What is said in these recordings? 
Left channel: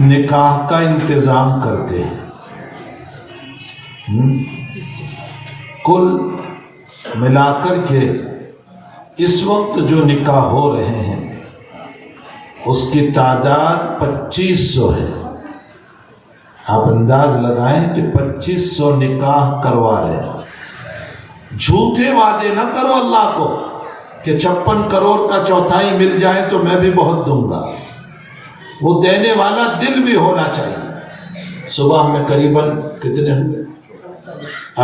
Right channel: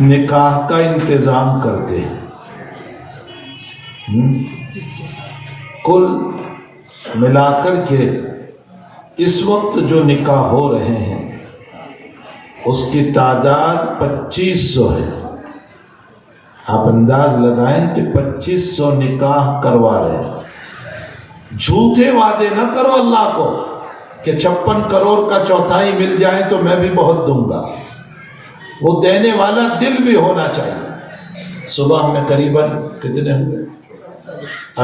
نکاح کا انتظام کرتے ہیں. کل ملا کر کے اس وقت جو نکاح ہو رہے ہیں اس کی تعداد 2500 ہے. آپ انداز لگائیں کہ 2500 نکاح کروا رہے ہیں. جھوٹے وعدے نہ کرو اللہ کو کہ 56 کروڑ کا چوتھائی مل جائے تو میں بھی بہت دوں گا. وہ دینے والا دل بھی ہونا چاہیے. صبح میں قریباً کتنے ہوئے؟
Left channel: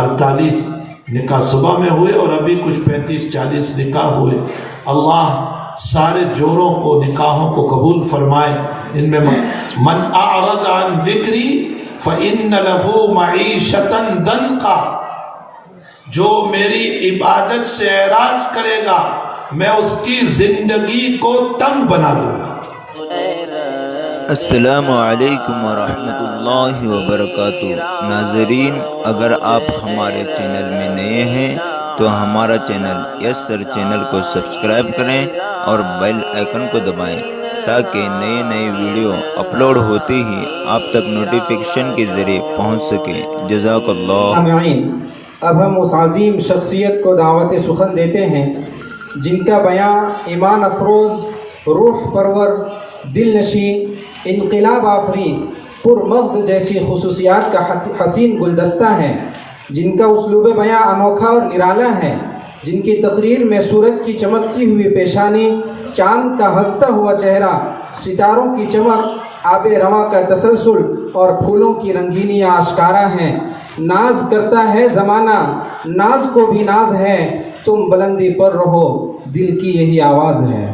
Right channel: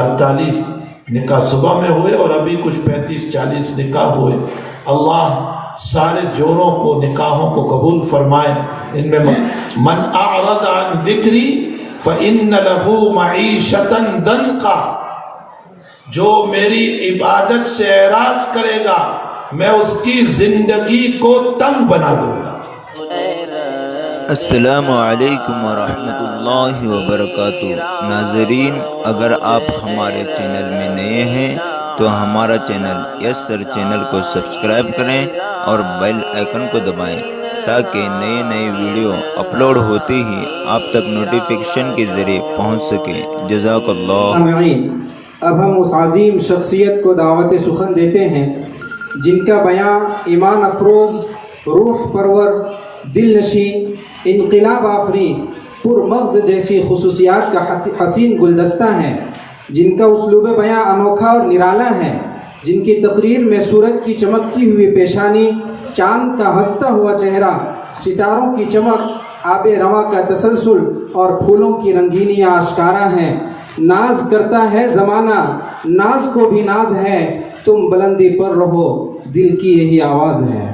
48 نکاح صبح میں ہوئے اور ابھی کچھ 35-40 نکاح ہوئے. اللہ سارے جوڑوں کو نکاحوں کو قبول فرمائے. ان میں من اعرض عن ذکری فإن له معیشة ضنکا، جو میری عبادت سے اعراض کرے گا میں اس کی زندگی کو تنگ بنا دوں گا. السلام علیکم ورحمۃ اللہ وبرکاتہ. ناظرین، اگر آپ ہمارے چینل میں نئے ہیں تو ہمارا چینل یسر چینل کو سبسکرائب کریں اور بیل آئیکن کو دبائیں تاکہ نئے ویڈیو اپلوڈ ہوتے ہی آپ تک نوٹیفیکیشن کے ذریعے پہنچ سکے. جزاک اللہ. اب ہم اس عظیم شخصیت کو دعوت سخن دیتے ہیں جن کا بیان ایمان افروز، روح پرور، دل نشین، انقلاب آفرین، پر مغز جیسی خصوصیات کا حسین گلدستہ ہیں، جن کا اسلوب بیان انوکھا اور نرالا ہے، جن کی تقریر میں سورج کی چمکتی ہوئی پیشانی، چاند کا ہنستا ہوا چہرہ، ستاروں کی چمک، آب رواں کا تسلسل اور پھولوں کی رنگینیاں آشکارا ہیں. ناز کرتا ہے زمانہ، ناز کو بھی ناز ہے، تم بلندی پر رہو، دل کی یہی آواز ہے.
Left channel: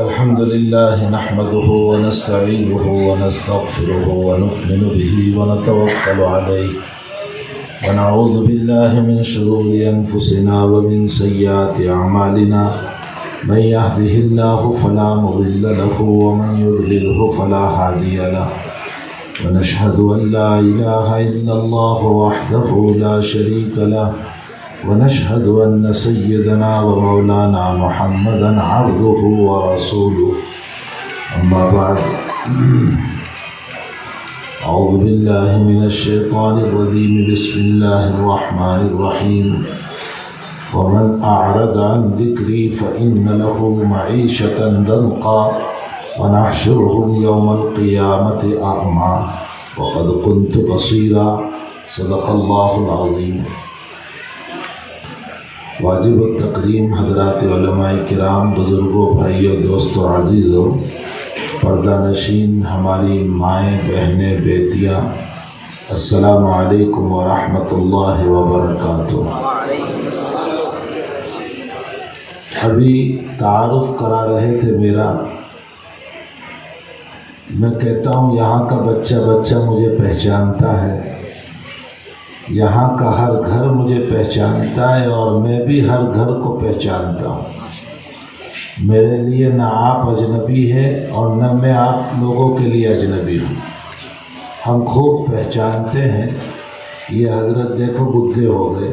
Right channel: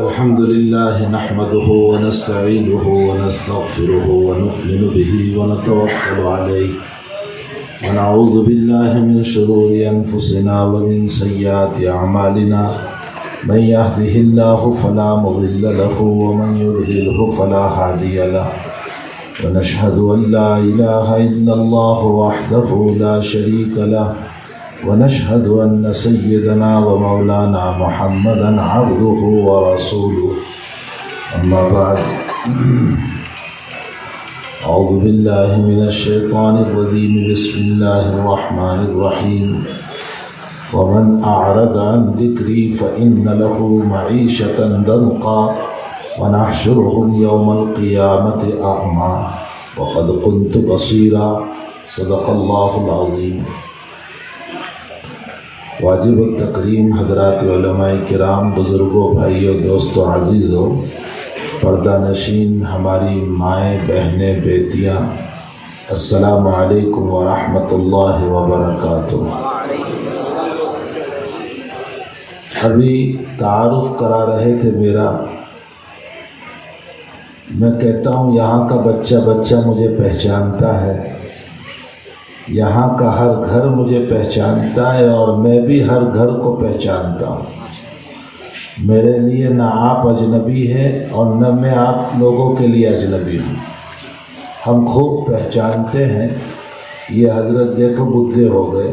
الحمدللہ نحمده ونستعینه ونستغفره ونؤمن به ونتوکل علیہ ونعوذ باللہ من شرور انفسنا ومن سیئات اعمالنا. من يهده الله فلا مضل له ومن يضلله فلا هادي له. ونشهد أن لا إله إلا الله وحده لا شريك له. ونشهد أن سيدنا ومولانا محمدا عبده ورسوله. أما بعد، أعوذ بالله من الشيطان الرجيم. بسم الله الرحمن الرحيم. ومن أعرض عن ذكري فإن له معيشة ضنكا ونحشرهم يوم القيامة أعمى وقد كنت بصيرا. صدق الله العظيم. واجب التکریم حضرات علماء کرام، بزرگوں، بھائیوں، دوستوں، عزیزوں، پردہ نشین ہماری مائیں، بہنیں، بیٹیاں، السلام علیکم ورحمۃ اللہ وبرکاتہ. ابھی تعارف کرا رہے تھے میرا. میں کہتا ہوں یہاں کا بچہ مجھے پہچانتا ہے، یہاں کا ہر گھر مجھے پہچانتا ہے اور میں بھی ہر گھر کو پہچانتا ہوں. میرے لیے نہ آپ اجنبی ہے اور نہ میں آپ لوگوں کے لیے اجنبی ہوں. ہم خوب پہچانتے ہیں. یہ حضرت دیکھو بدھے ہو گئے،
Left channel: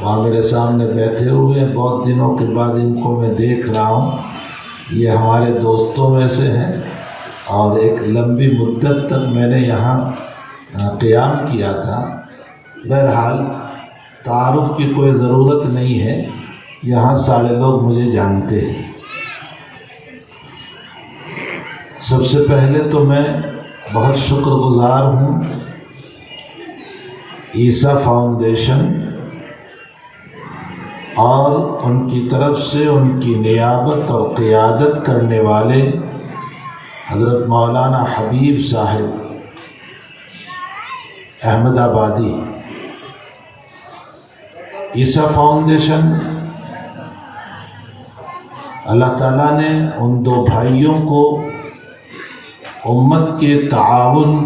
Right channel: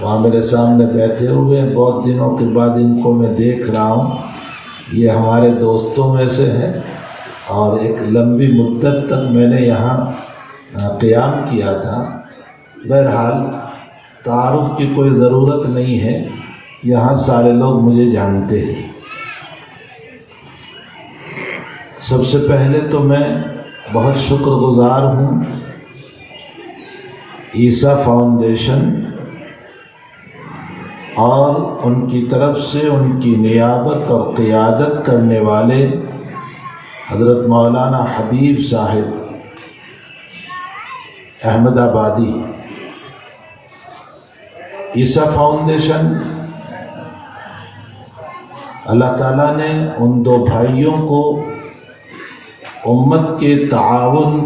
وہاں میرے سامنے بیٹھے ہوئے، بہت دنوں کے بعد ان کو میں دیکھ رہا ہوں. یہ ہمارے دوستوں میں سے ہیں اور ایک لمبی مدت تک میں نے یہاں قیام کیا تھا. بہرحال تعارف کی کوئی ضرورت نہیں ہے، یہاں سارے لوگ مجھے جانتے ہیں. سب سے پہلے تو میں بہت شکر گزار ہوں عیسیٰ فاؤنڈیشن اور ان کی طرف سے ان کی نیابت اور قیادت کرنے والے حضرت مولانا حبیب صاحب احمد آبادی. عیسیٰ فاؤنڈیشن، اللہ تعالیٰ نے ان دو بھائیوں کو امت کے تعاون،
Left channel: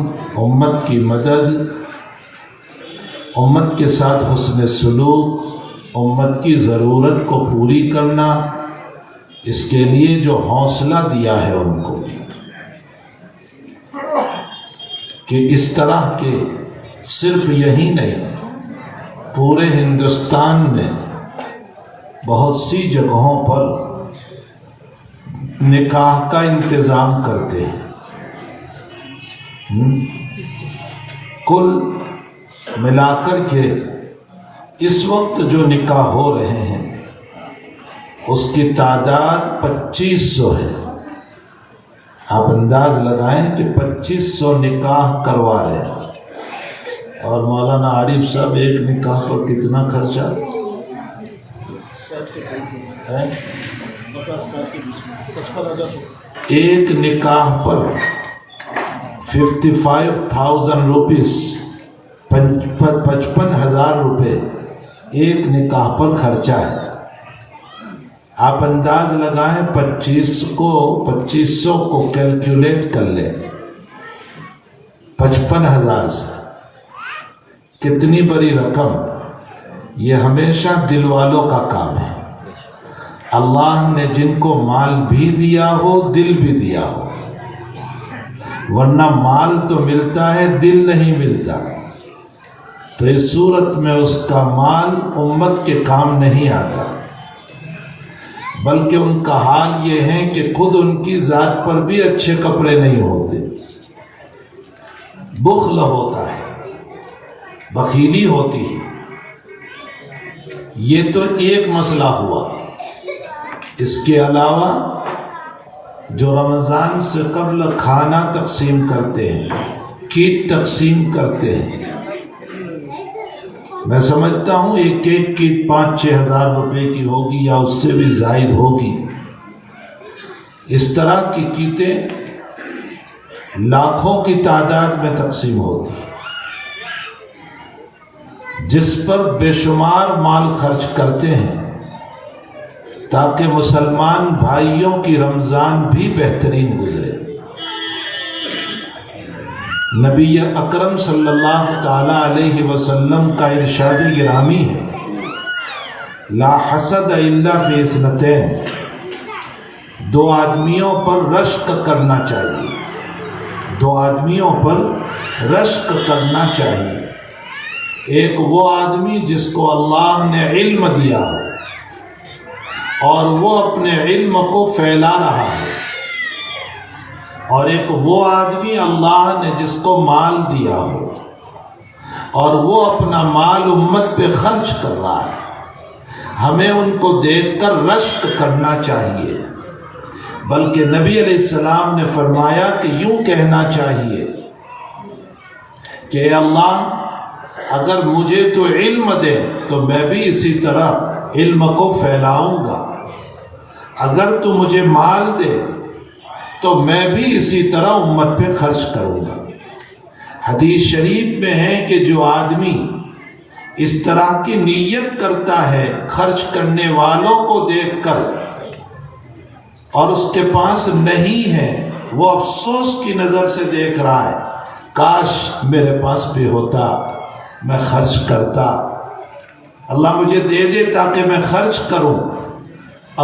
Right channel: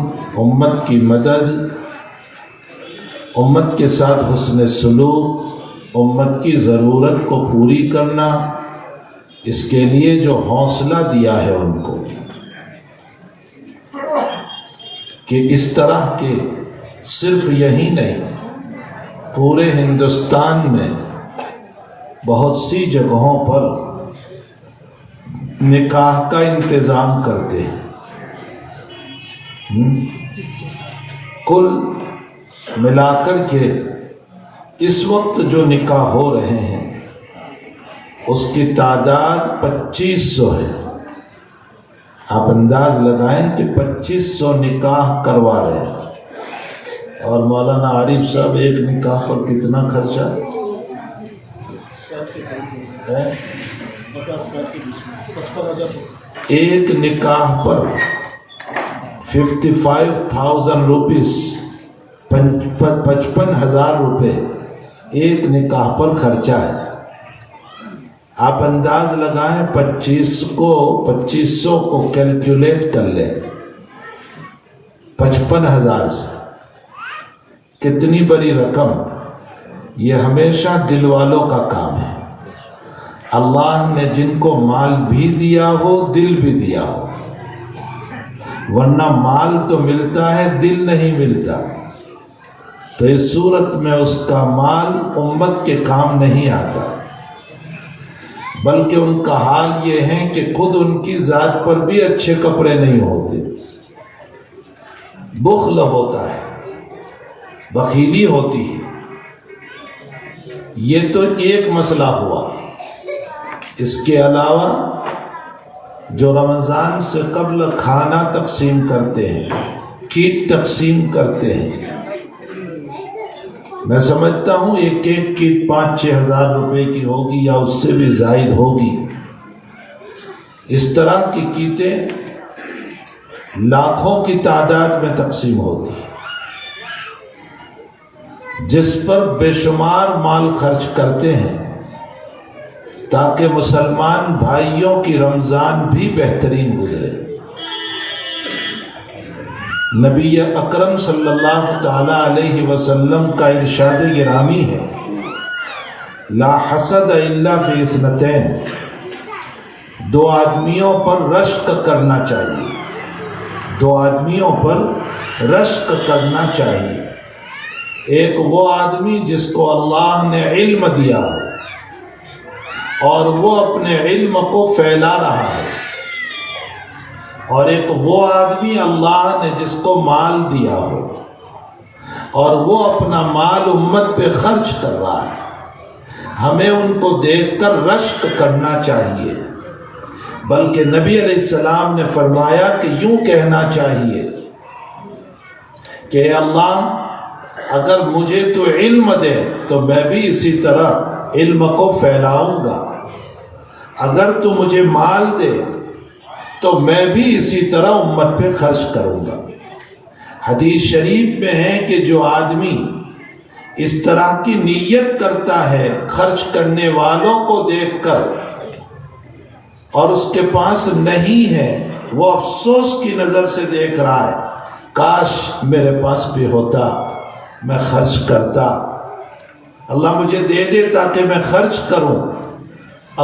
امت کی مدد، امت کے ساتھ حسن سلوک، امت کی ضرورت کو پوری کرنا، اس کے لیے جو حوصلہ دیا ہے ان کو کہ اس طرح کے صرف یہی نہیں، پورے ہندوستان میں بہت سی جگہوں پر نکاح کا انتظام کرتے ہیں. کل ملا کر کے اس وقت جو نکاح ہو رہے ہیں اس کی تعداد 2500 ہے. آپ انداز لگائیں کہ 2500 نکاح کروا رہے ہیں. اور مولانا عارف صاحب ایک نکاح پر کتنا خرچہ ہے؟ ایک نکاح پر 55,000 روپیز، 55,000 روپے ایک نکاح پر خرچہ ہے. آپ انداز لگائیں 2500 کو کیلکولیٹ کر لیں 55,000 سے کتنی بڑی رقم. یہ ہمیشہ دل والوں کا کام ہے. اللہ نے جن کو مال بھی دیا ہو دل بھی دیا ہو، ورنہ مال تو ملتا ہے دل نہیں ملتا. تو اس صورت میں اس کا مال امت کے کام نہیں آتا، بلکہ ان کا حال یہ ہے کہ خود ان کی ذات پر بھی اچھے کپڑے نہیں ہوتے، بخل ہوتا ہے، بخیلی ہوتی ہے. یہ تو ایک مسئلہ ہوا. اس کے علاوہ جو رمضان سے قبل کھانا تقسیم کرتے ہیں، کیٹ تقسیم کرتے ہیں، میں سمجھتا ہوں ایک کیٹ 5-6 ہزار روپے کی ہوگی یا اس سے بھی زائد ہوگی. اس طرح کی کیٹیں لاکھوں کی تعداد میں تقسیم ہوتی ہیں، جس پر بے شمار مال خرچ کرتے ہیں تاکہ مسلمان بھائیوں کی رمضان بھی بہترین گزرے. نبی اکرم صلی اللہ تعالی علیہ وسلم کا ارشاد گرامی ہے، لا حسد الا فی اثنتین. 2 آدمیوں پر رشک کرنا چاہیے، 2 آدمیوں پر رشک کرنا چاہیے. ایک وہ آدمی جس کو اللہ نے علم دیا ہے اور وہ اپنے علم کو پھیلا رہا ہے، اور ایک وہ آدمی اللہ نے جس کو مال دیا ہو اور وہ اپنا مال امت پہ خرچ کر رہا ہے. ہمیں ان کو دیکھ کر رشک کرنا چاہیے، بلکہ نبی علیہ السلام نے فرمایا کہ یوں کہنا چاہیے کہ اے اللہ اگر مجھے تو علم دے تو میں بھی اسی طرح علم کو پھیلاؤں گا، اگر تو مجھے مال دے تو میں بھی اسی طرح امت پہ خرچ کروں گا. حدیث شریف میں ہے کہ جو آدمی اس طرح کی نیت کرتا ہے خرچ کرنے والوں کو دیکھ کر اور اس کے پاس نہیں ہے، وہ افسوس کی نظر سے دیکھ رہا ہے، کاش میرے پاس بھی ہوتا، میں خرچ کرتا، اللہ مجھے دے دے تاکہ میں خرچ کروں.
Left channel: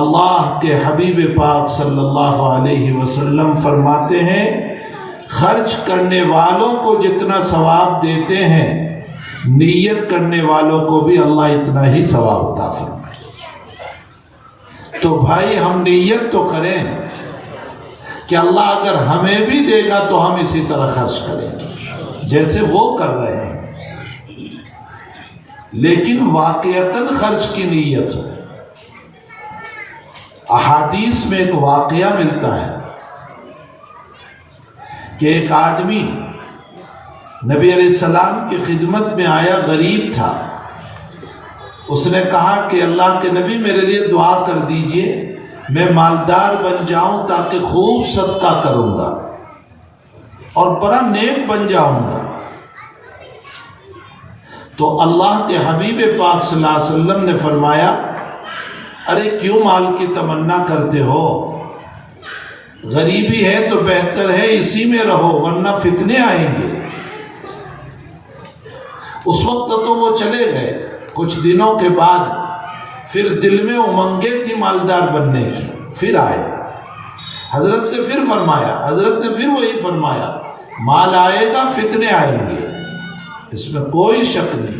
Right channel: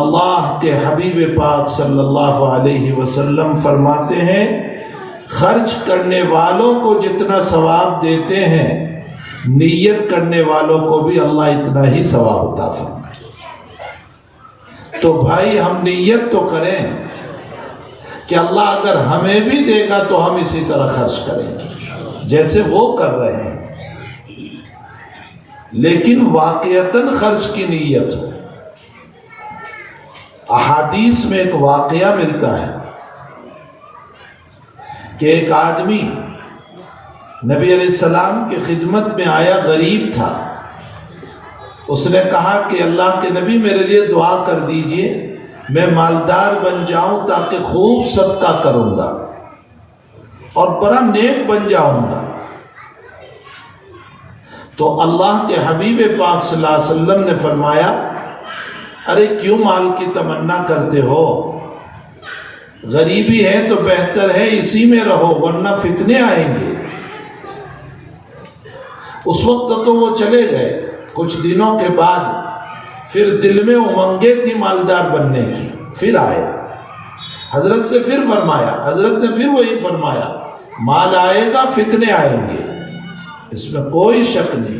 اللہ کے حبیب پاک صلی اللہ علیہ وسلم فرماتے ہیں خرچ کرنے والوں کو جتنا ثواب دیتے ہیں نیت کرنے والوں کو بھی اللہ اتنا ہی ثواب عطا فرمائے. تو بھائی ہم نیت تو کریں کہ اللہ اگر ہمیں بھی دے گا تو ہم اسی طرح خرچ کریں گے جیسے وہ کر رہے ہیں، لیکن واقعتاً خرچ کی نیت ہو. احادیث میں ایک واقعہ ملتا ہے کہ ایک آدمی نبی علیہ السلام کی خدمت میں آیا، غریب تھا. اس نے کہا کہ اللہ کے نبی میرے لیے دعا کر دیجئے، میں مالدار بن جاؤں تاکہ خوب صدقہ کروں گا اور بڑا نیک بن جاؤں گا. تو اللہ کے حبیب پاک صلی اللہ علیہ وسلم نے فرمایا ارے کیوں مال کی تمنا کرتے ہو، غریبی ہے تو بہتر ہے اسی میں رہو ورنہ فتنے آئیں گے. اس وقت تو وہ چلے گئے. کچھ دنوں کے بعد پھر دل میں امنگیں تھی مالدار بننے کی، پھر آئے حضرت سے، پھر فرمایا، حضرت نے پھر وہی فرمایا مال آئے گا فتنے آئیں گے. اس میں کوئی شک نہیں،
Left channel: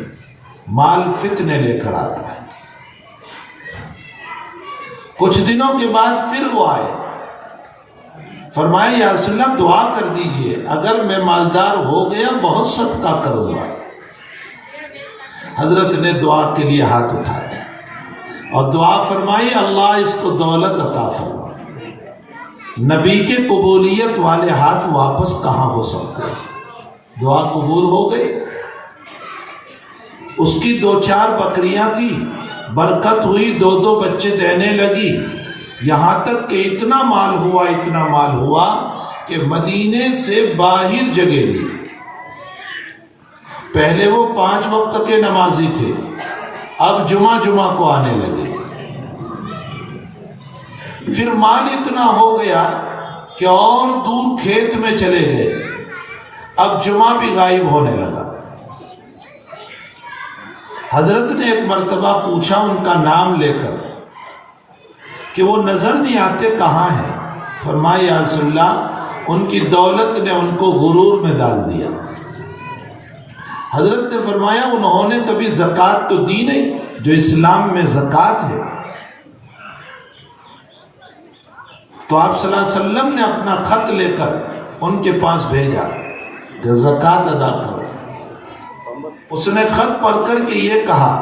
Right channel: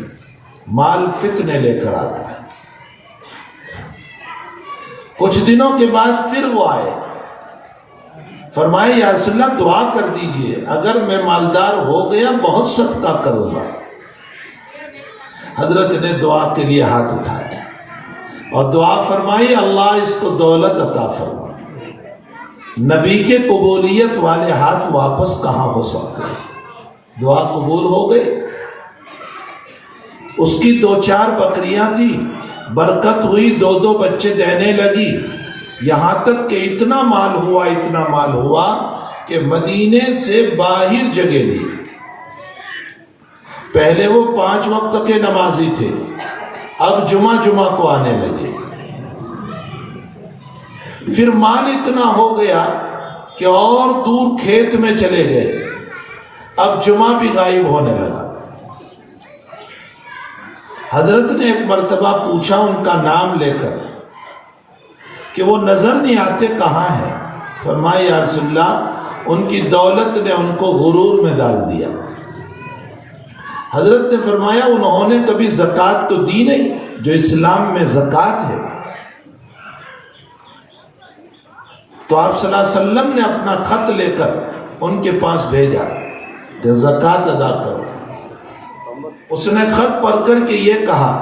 مال فتنے لے کر آتا ہے. کچھ دنوں کے بعد پھر وہ آئے، فرمایا یا رسول اللہ دعا کر دیجئے، اگر میں مالدار ہو گیا بہت صدقہ کروں گا۔ حضرت نے دعا کے لیے ہاتھ اٹھایا اور دعا فرمائی اللہ اس کو دولت عطا فرما۔ نبی کے قبولیت والے ہاتھ واپس کہاں ہو سکتے ہیں؟ دعا قبول ہو گئی۔ اس کی 2-4 بکریاں تھی، برکت ہوئی، 2 بچے دینے لگی، یہاں تک کہ اتنا مال ہوا کہ مدینے سے باہر جگہ لی۔ پہلے وہ 5 وقت کے نمازی تھے، اب جمعہ کو آنے لگے۔ پھر مال اتنا ہو گیا کہ اور دور کھیت میں چلے گئے، اب جمعہ بھی غائب ہونے لگا۔ حضرت نے ایک مرتبہ پوچھا ان کا نام لے کر کہ وہ نظر نہیں آتے کہاں ہیں؟ فرمایا یا رسول اللہ ان کی دولت نے ان کو غرور میں ڈال دیا۔ حضرت نے فرمایا انہوں نے کبھی زکوٰۃ تو دی نہیں جو اسلام میں زکوٰۃ ہے۔ تو آپ صلی اللہ علیہ وسلم نے اپنا خط لے کر ان کے پاس بھیجا کہ زکوٰۃ ادا کرو۔ اس نے خط پڑھ کر کے یہ کہا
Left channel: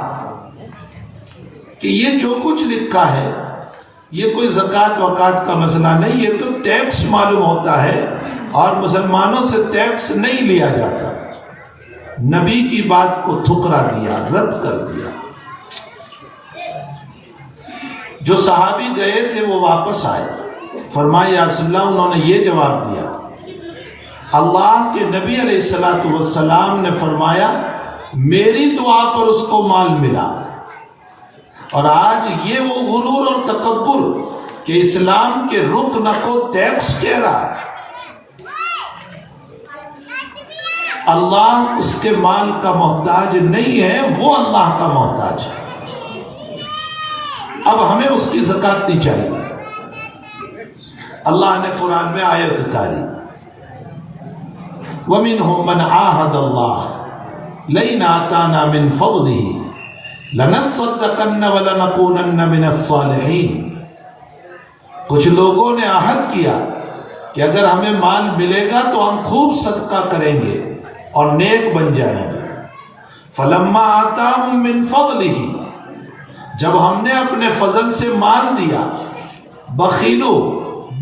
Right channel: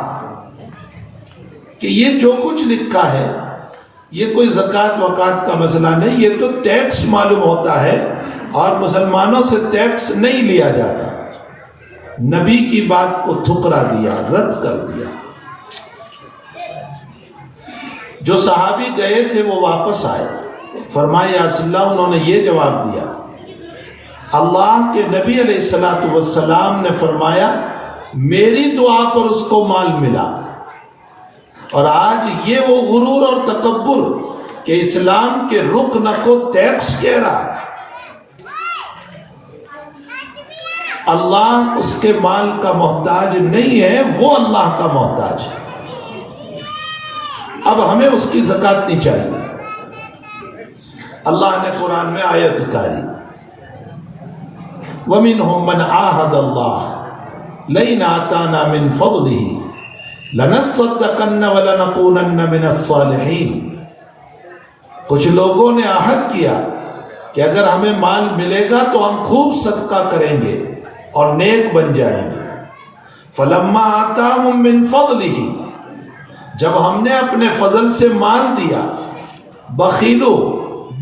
کہ یہ جو کچھ لکھا ہے یہ کوئی زکوٰۃ وکات کا مسئلہ نہیں، یہ تو ٹیکس معلوم ہوتا ہے اور مسلمانوں سے ٹیکس نہیں لیا جاتا۔ نبی کی بات کو ٹھکرا دیا، رد کر دیا۔ جو صحابی گئے تھے وہ واپس آئے، فرمایا یا رسول اللہ انہوں نے یہ جواب دیا، اللہ کے نبی علیہ السلام نے فرمایا میری دعا پر اس کو مال ملا، اور آج یہ وہ غرور اور تکبر کہ اسلام کے رکن کو ٹیکس کہہ رہا ہے۔ اللہ اس کے مال کا محتاج نہیں ہے، وہ اللہ کا محتاج ہے۔ اب ہمیں اس کی زکوٰۃ نہیں چاہیے۔ اللہ نے قرآن میں آیت اتاری، وَمِنْهُمْ مَنْ عَاهَدَ اللَّهَ لَئِنْ آتَانَا مِنْ فَضْلِهِ لَنَصَّدَّقَنَّ وَلَنَكُونَنَّ مِنَ الصَّالِحِينَ۔ کچھ لوگوں نے عہد کیا کہ اگر ہمیں مال ملے گا تو ہم خوب صدقہ کریں گے اور نیک بن جائیں گے۔ فَلَمَّا آتَاهُمْ مِنْ فَضْلِهِ، جب ہم نے اپنے فضل سے مال دیا، بخیلو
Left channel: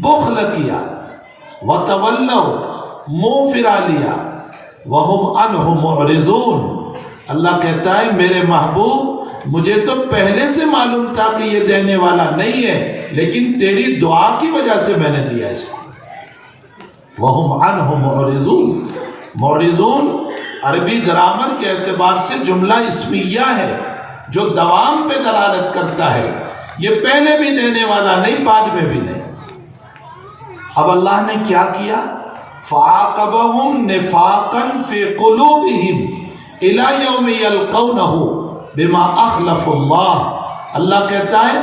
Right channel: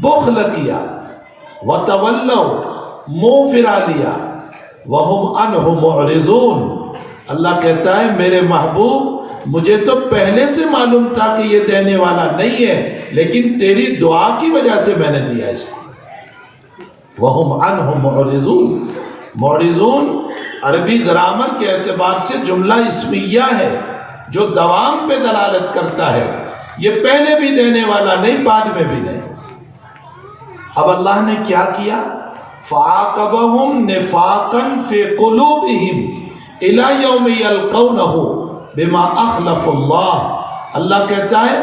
بخل کیا، وَتَوَلَّوْا منہ پھرا لیا، وَهُمْ عَنْهُ مُعْرِضُونَ، اللہ کہتا ہے میرے محبوب مجھے تو پہلے سے معلوم تھا کہ یہ دینے والا نہیں ہے، لیکن تیری دعا کی وجہ سے میں نے دیا اس کو۔ وَهُمْ عَنْهُ مُعْرِضُونَ، معرضون عربی گرامر کے اعتبار سے جملہ اسمیہ ہے جو دوام پہ دلالت کرتا ہے، یہ پہلے بھی دینے والا نہیں، بعد میں بھی نہیں۔ اب اللہ نے کیا کیا؟ فَعَاقَبَهُمْ نِفَاقًا فِي قُلُوبِهِمْ إِلَى يَوْمِ يَلْقَوْنَهُ بِمَا أَخْلَفُ اللَّهِ، اللہ کہتا ہے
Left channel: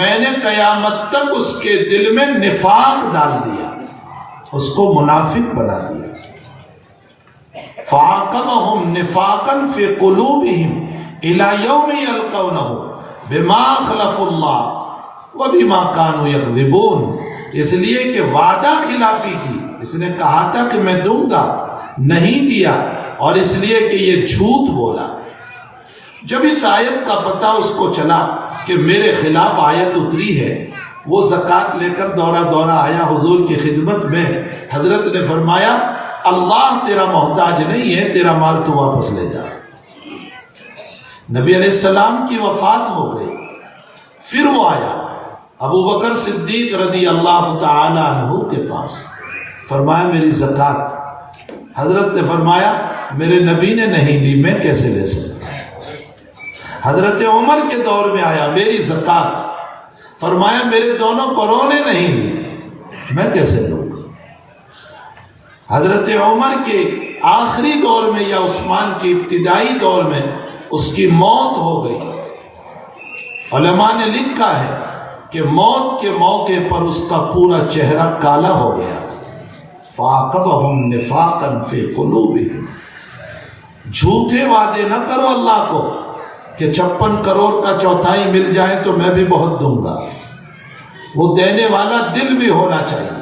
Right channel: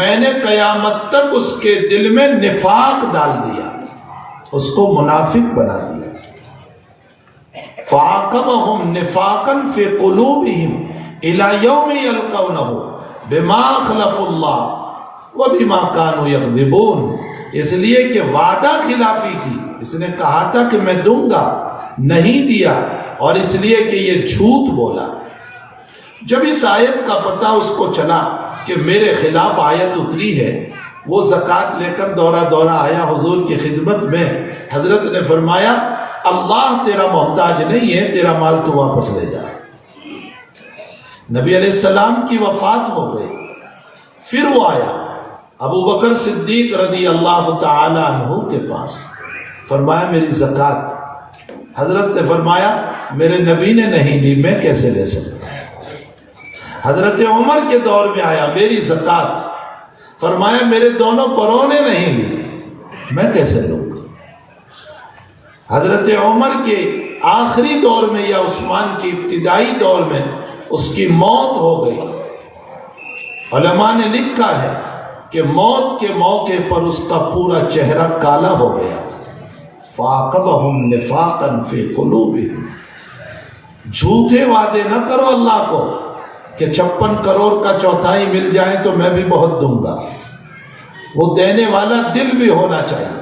میں نے قیامت تک اس کے دل میں نفاق ڈال دیا، اس کو منافق بنا دیا۔ فَعَاقَبَهُمْ نِفَاقًا فِي قُلُوبِهِمْ إِلَى يَوْمِ يَلْقَوْنَهُ بِمَا أَخْلَفُ اللَّهِ وَبِمَا كَانُوا يَكْذِبُونَ، اس لیے کہ وعدہ خلافی تھی، اس نے کہا تھا کہ میں دوں گا، نہیں دیا، اور اس لیے کہ یہ جھوٹ بولا۔ جب اس آیت کا پتہ اس کو چلا کہ میرے خلاف آیت اتری ہے، وہ زکوٰۃ لے کر دورہ آیا حضور کی خدمت میں۔ حضرت نے فرمایا اللہ تیرا محتاج نہیں ہے، تیرا مال تو واپس لے جا۔ نبی علیہ السلام کی وفات ہو گئی، پھر وہ آیا ابو بکر صدیق رضی اللہ تعالی عنہ کے پاس، فرمایا میری زکوٰۃ۔ حضرت نے فرمایا میرے نبی نے نہیں لی، میں کیسے لے سکتا؟ حضرت عمر کے دور میں آیا، میری زکوٰۃ، فرمایا میرے دونوں پروں نے نہیں لی، میں کیسے لوں؟ حضرت عمر کے آخری دور میں یا عثمان کی ابتدائی دور میں اس کی موت ہو گئی۔ علماء نے لکھا ہے کہ موت کے موقع پر اس کا پورا چہرہ کالا ہو گیا۔ فَعَاقَبَهُمْ نِفَاقًا فِي قُلُوبِهِمْ، جھوٹے وعدے نہ کرو اللہ کو کہ 56 کروڑ کا چوتھائی مل جائے تو میں بھی بہت دوں گا، وہ دینے والا دل بھی ہونا چاہیے۔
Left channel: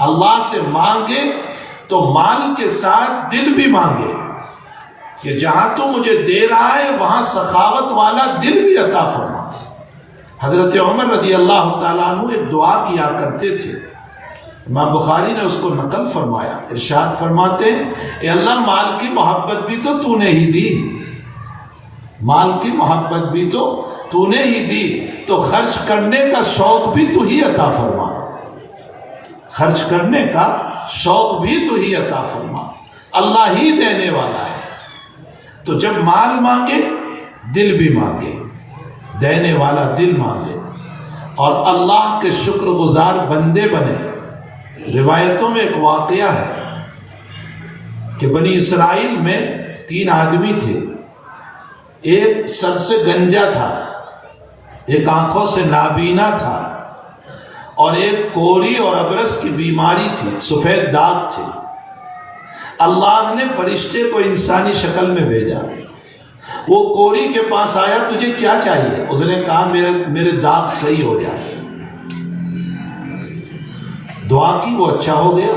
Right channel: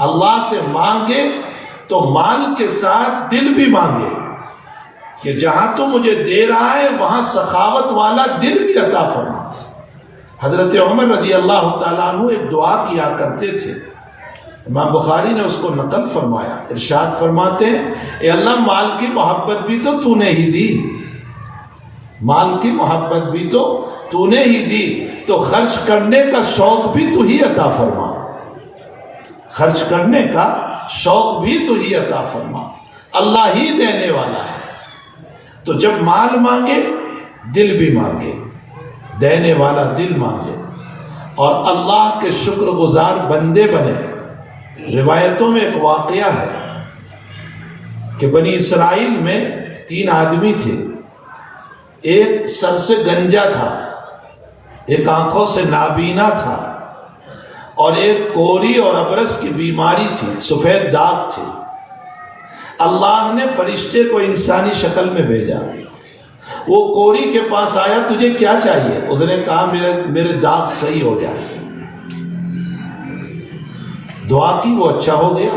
اللہ سے مانگے تو مال کے ساتھ دل بھی مانگے کہ جہاں تو مجھے دے رہا ہے وہاں سخاوت والا دل بھی عطا فرما۔ حضرت عمر رضی اللہ تعالیٰ عنہ ایک دعا کیا کرتے تھے، امام بخاری نے اس کو نقل فرمایا، ارشاد فرماتے اے اللہ مال کی محبت بھی تو نے ہی دی، مال کی محبت بھی تو نے ہی دی، تو خرچ کرنے کا شوق بھی تو ہی عطا فرما، خرچ کرنے کا شوق بھی تو ہی عطا فرما، اللہ ہی دینے والا ہے۔ تو جب مال مانگے دل بھی مانگے، دینے والا دل مانگے، اور اللہ کے شکر گزار بندے بنے۔ روایتوں میں ایک واقعہ ہے کہ بنی اسرائیل میں 3 آدمی تھے، ایک سر سے گنجا تھا، ایک آنکھوں سے نابینا تھا، اور ایک کوری اور ابرس کی بیماری تھی، سفید داغ تھے۔ اللہ نے فرشتے کو انسانی شکل میں بھیجا، وہ کوری کے پاس آیا، تجھے کیا چاہیے؟ اس نے کہا میرے داغ صحیح ہو جائے۔ دعا کی، وہ اچھا ہو گیا۔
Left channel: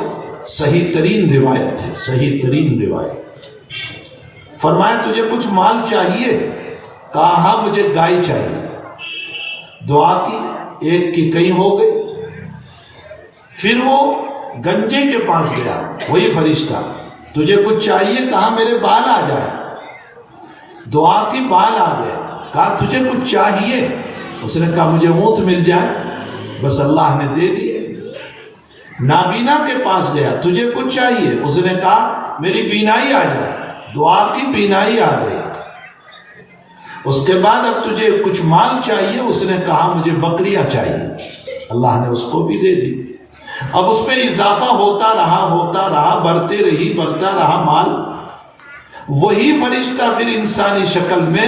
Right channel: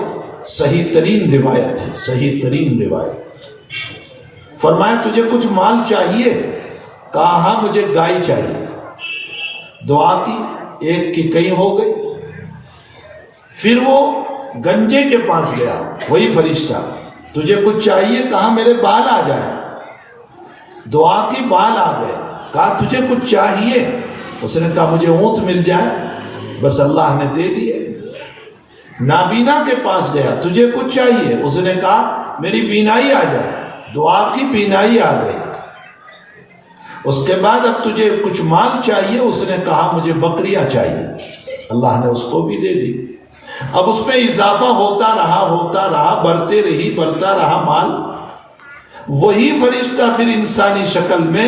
صحیح ترین روایت ہے، صحیح ترین روایت۔ فرمایا تجھے کچھ مال چاہیے؟ کہا ہاں مجھے گائے چاہیے۔ دعا کی، ایک کی کہیں ہو گئی۔ پھر وہ گنجے کے پاس گیا، وہی فرشتہ، تجھے کچھ چاہیے؟ کہا میرے بال آ جائے۔ دعا کی، بال آ گئے۔ کہا تجھے کچھ چاہیے؟ اس نے کہا مجھے اونٹ مل جائے، بس اللہ نے دے دیے۔ نابینا کے پاس گیا، تجھے کچھ چاہیے؟ اس نے کہا میری بینائی آ جائے۔ دعا کی، بینائی آ گئی۔ اس کے بعد اب تجھے کچھ مال چاہیے؟ اس نے کہا مجھے بکریاں چاہیے۔ اللہ نے اس کو بھی دے دی۔ اب اس میں اضافہ ہوتا رہا، بڑھتا رہا مال۔ وہی فرشتہ پھر انسانی شکل میں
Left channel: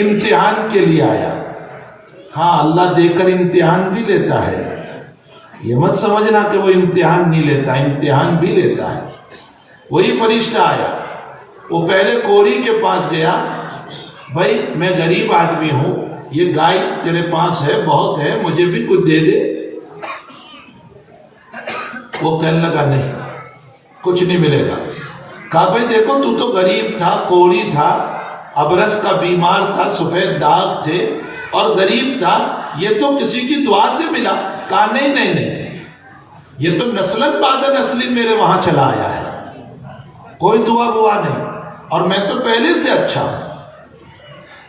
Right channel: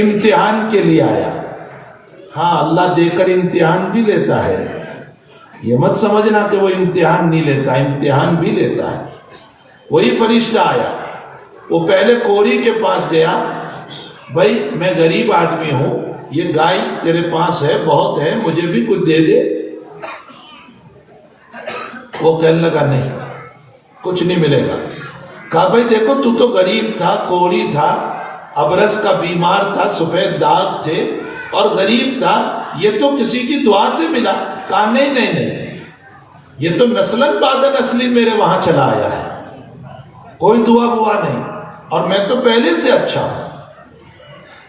امتحان کے لیے آیا۔ ہاں اللہ دے کر امتحان بھی لیتا ہے، یہ مت سمجھنا کہ وہ امتحان نہیں لیتا، امتحان بھی لیتا ہے۔ وہی فرشتہ آیا، وہ پہلے کوری کے پاس گیا، بھائی میں غریب آدمی ہوں، یہ گائے تیرے پاس ہے، بہت ہے، مجھے بھی کچھ دے دے۔ وہ کہنے لگا نہیں، کچھ نہیں ملے گا۔ کہا بھائی دیکھو تو تو غریب تھا، کوری تھا، ابرس کا بیمار تھا، سفید داغ تھے اور غریب تھا، یہ تو کسی کی دعا سے ملا۔ کہا نہیں، یہ تو نسلاً بعد نسلی میرے وہاں چلا آیا ہے، کوئی دعا ہوا نہیں، اور میں تو پہلے سے اچھا ہوں۔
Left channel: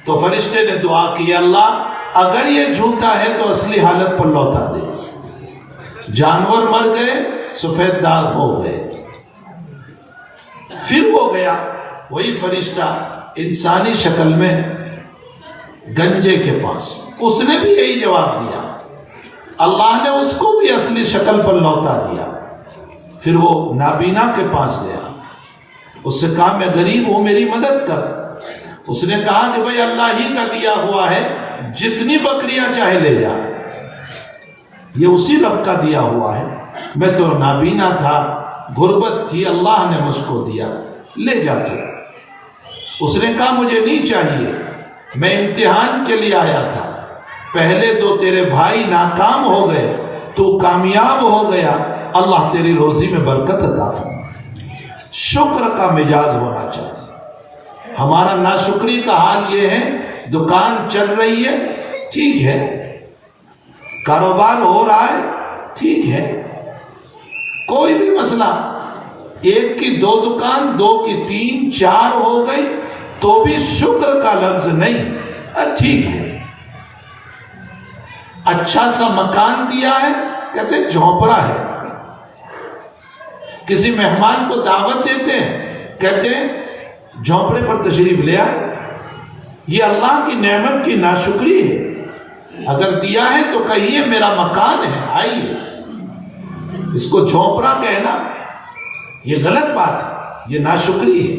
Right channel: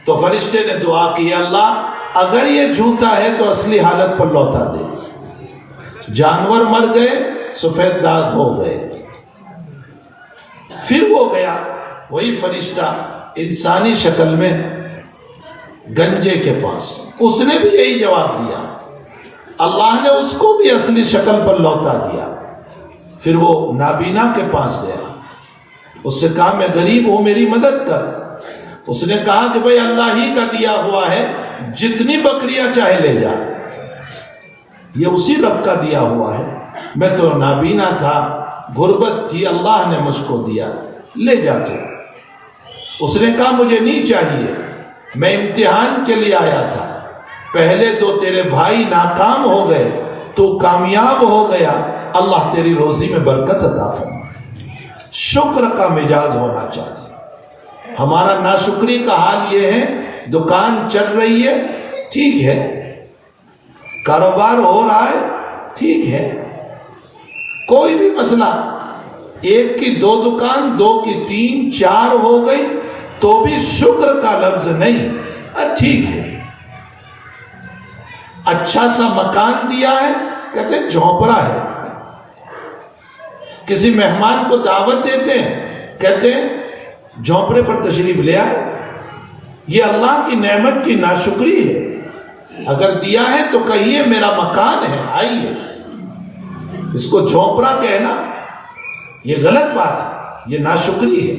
تو فرشتے نے دعا کی، اللہ اگر یہ جھوٹا ہے تو اصلی حالت پر لوٹا دے۔ جانور مر گئے، سفید داغ ہو گئے۔ پھر وہ گیا، وہی فرشتہ انسانی شکل میں گنجے کے پاس، اس نے بھی یہی جواب دیا۔ اللہ نے اس کو بھی اصلی شکل پر لوٹا دیا۔ پھر وہ نابینا کے پاس گیا، اس سے کہا میں غریب ہوں، میری مدد کر۔ اس نے کہا کہ بھئی اللہ ہی کا دیا ہوا ہے، جتنی بکریاں چاہے لے جا، یہ اسی رب کا دیا ہوا ہے، میں تو نابینا تھا، غربت تھی، اللہ نے مجھ کو دیا، لے جا تو۔ اس نے کہا مجھے نہیں چاہیے، میں امتحان کے لیے آیا تھا، پہلے 2 تیرے بھائی ناکام ہو گئے، تو کامیاب ہو گیا، اللہ تیری روزی میں برکت عطا فرمائے۔ شکر کا مزاج ہونا چاہیے۔ ہمارا ناشکری کا حال یہ ہے، دکان چل رہی ہے، ٹھیک ہے، کاروبار ہو رہا ہے، ٹھیک ہے، کوئی بھی مسئلہ، 1 کی 2 دکان، 2 کی 3 4 ہو گئی تو بھی شکر کا لفظ نہیں، ٹھیک ہے۔ اچھا سا مکان دیا ہے، کہتے ہیں جھونپڑا ہے۔ کسی مہمان کو دعوت دیتے ہیں، کہتے ہیں جھونپڑے پر تشریف لے آئے۔ یہ اللہ کی نعمت کی ناشکری ہے۔ اگر دیا ہے تو کہیے میرا مکان ہے، آئیے۔ اس کو جھونپڑا کہنا یہ غلط بات ہے، یہ ناشکری ہے۔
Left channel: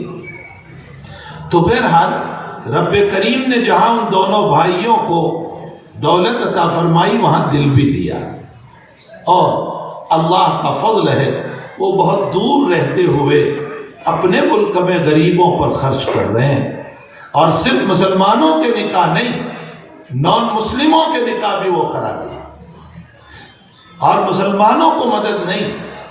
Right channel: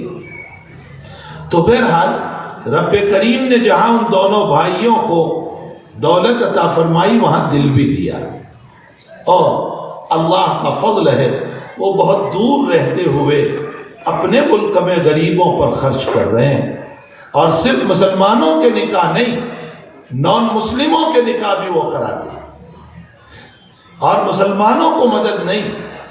تو بہرحال رب کریم نے جہاں ان دونوں بھائیوں کو دولت عطا فرمائی، وہاں دل بھی دیا، اور اللہ کا فضل ہے، وہ بہت دور رہتے ہوئے اپنے ملک میں غریبوں پر خرچ کر رہے ہیں، اور صرف مسلمانوں کے نکاح نہیں، نان مسلموں کے نکاح بھی وہ کرا دیں، اور مسلمانوں کو مدد نہیں،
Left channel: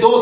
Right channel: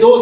2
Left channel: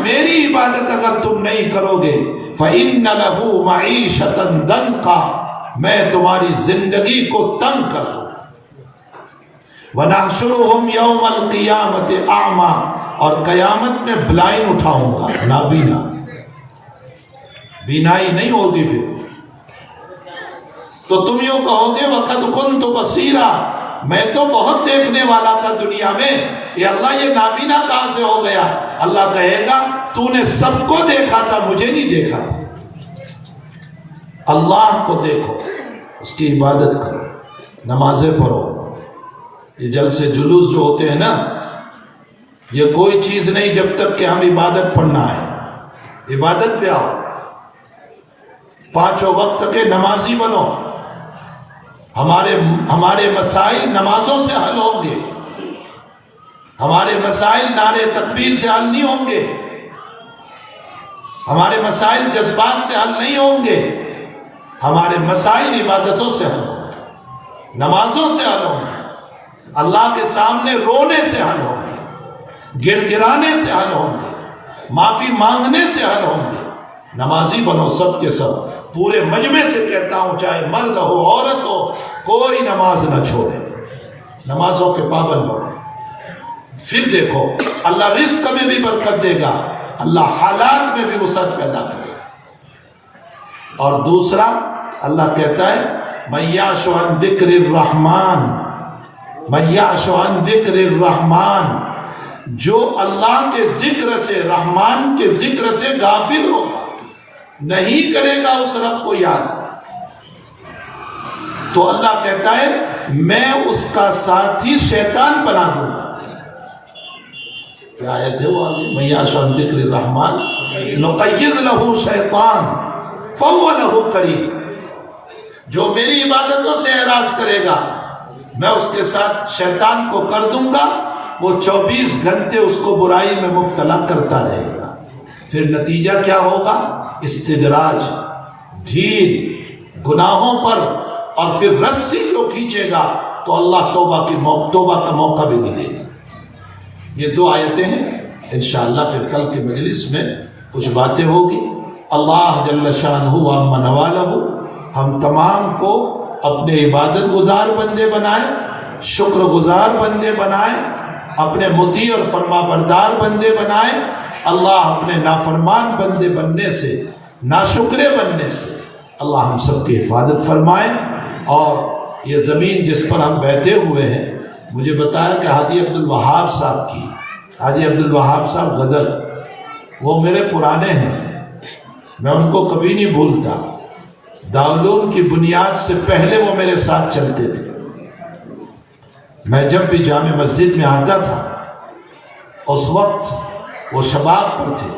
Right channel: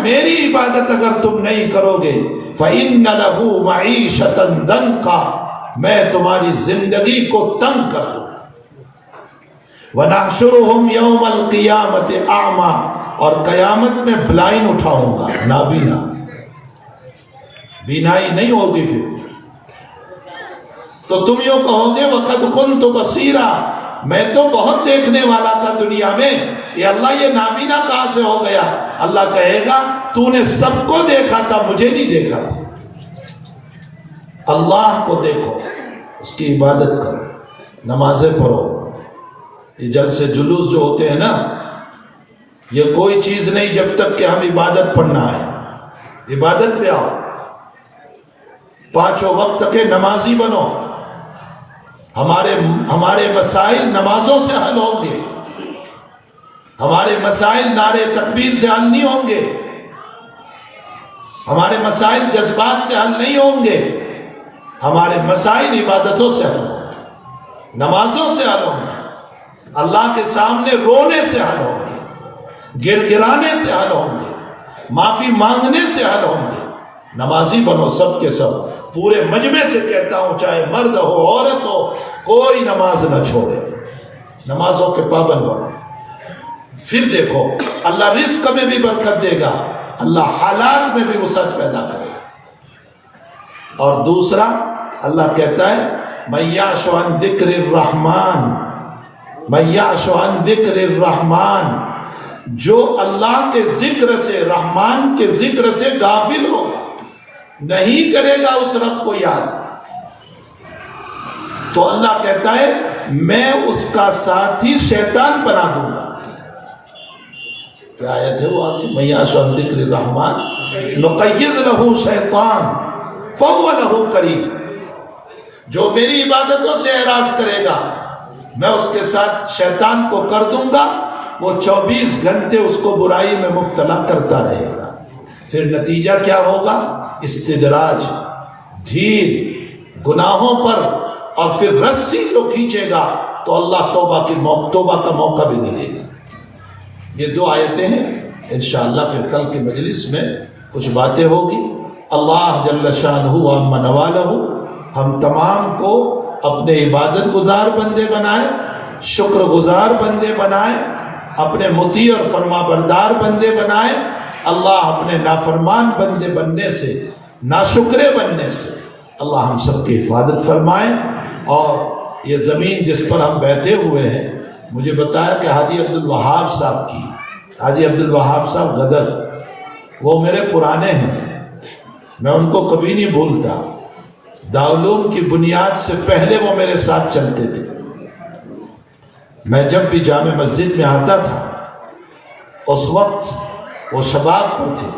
میری عبادت اگر تم نہیں کرو گے فَإِنَّ لَهُ مَعِيشَةً ضَنْكًا، میں تمہاری زندگی کو تنگ کر دوں. وَنَحْشُرُهُمْ يَوْمَ الْقِيَامَةِ أَعْمَى، اور قیامت میں بلائنڈ اٹھاؤں گا، نابینا، بینائی نہیں ہوگی. پھر تو تم یوں کہو گے وَقَدْ كُنْتُ بَصِيرًا، میں تو بہت دیکھنے والا تھا دنیا میں، یہ اللہ یہ نابینا کہاں سے ہو گیا؟ اللہ کہے گا تو نے سب کو دیکھا تھا، مجھے نہیں دیکھا تھا. اللہ کو دیکھو، اس کی عبادت کرو، نمازیں پڑھو. یہ جلسے جلوس جو ہوتے ہیں نا، یہ کوئی چیز نہیں جب تک کہ ہم عبادت پڑھنا ہے. عبادت پہ آؤ، پانچوں وقت کے نمازی بنو. ہمارے مسائل نمازوں سے حل ہوں گے. ہمارے مسائل نعرے تکبیر سے حل نہیں ہوں گے. ہمارے مسائل جذبات سے حل نہیں ہوں گے. ہمارے مسائل عبادتوں سے حل ہوں گے، نمازوں سے حل ہوں گے، اللہ کے سامنے رونے سے حل ہوں گے، گر گرانے سے حل ہوں گے، معافی مانگنے سے حل ہوں گے. نمازی بنو سب کے سب. پورے مجمع سے کہتا ہوں، چاہے مرد ہو عورت ہو، کوئی نماز نہ چھوڑے، نمازوں کے پابند بنو. پھر دیکھو اللہ رزق میں بھی برکت دے گا، اللہ حالات میں بھی وسعت پیدا کرے گا. اور دوسرا اللہ کہتا ہے مَن یعش عن ذکر الرحمن، مَن یعش عن ذکر الرحمن، جو اللہ کے ذکر سے، رحمان کے ذکر سے غافل ہوگا، نہیں کرے گا اس رب کو یاد، تو اللہ کہتا ہے میں اس کا ساتھی شیطان بنا دوں گا. کیا آیت ہے وہ آگے؟ مَن یعش عن ذکر الرحمن نقید لہ شیطان فہو لہ قرین، جو میری عبادتوں سے اعراض کرے گا میں اس کے ساتھ شیطان کو کر دوں گا، وہ 24 گھنٹے اس کو برائی میں مبتلا کرتا رہے گا. پھر نتیجہ کیا ہوگا؟ استدراج، ڈھیل گناہوں پر، اور پھر رسی کو کھینچے گا تو اللہ توبہ کا موقع بھی نہیں دے گا. یہ دو آیتیں ہیں. انشاءاللہ پھر کل کی مجلس میں کچھ باتیں ہوگی. اللہ جل شانہ وعم نوالہ ہم تمام کو اپنے عبادت گزار بندے بنائے، شکر گزار بندے بنائے، اپنے مطیع اور فرما بردار بندے بنائے. اللہ اپنے نافرمان بندے بننے سے، ناشکرے بننے سے اللہ ہم سب کی حفاظت فرمائے. اور یہ زمین جس پر ہم بیٹھے ہوئے ہیں، مجھے بتایا کہ حاجی عبدالوہاب صاحب کی، حاجی عبدالوہاب صاحب غدر، وہ میرے پرانے ہیں، میں ان کو کبھی نہیں بھولتا. دارالعلوم کی بنیاد سے پہلے وہ میرے ساتھ چلتے تھے. میں جب بھی جامع مسجد میں آتا تھا اس وقت وہ شباب پر تھے،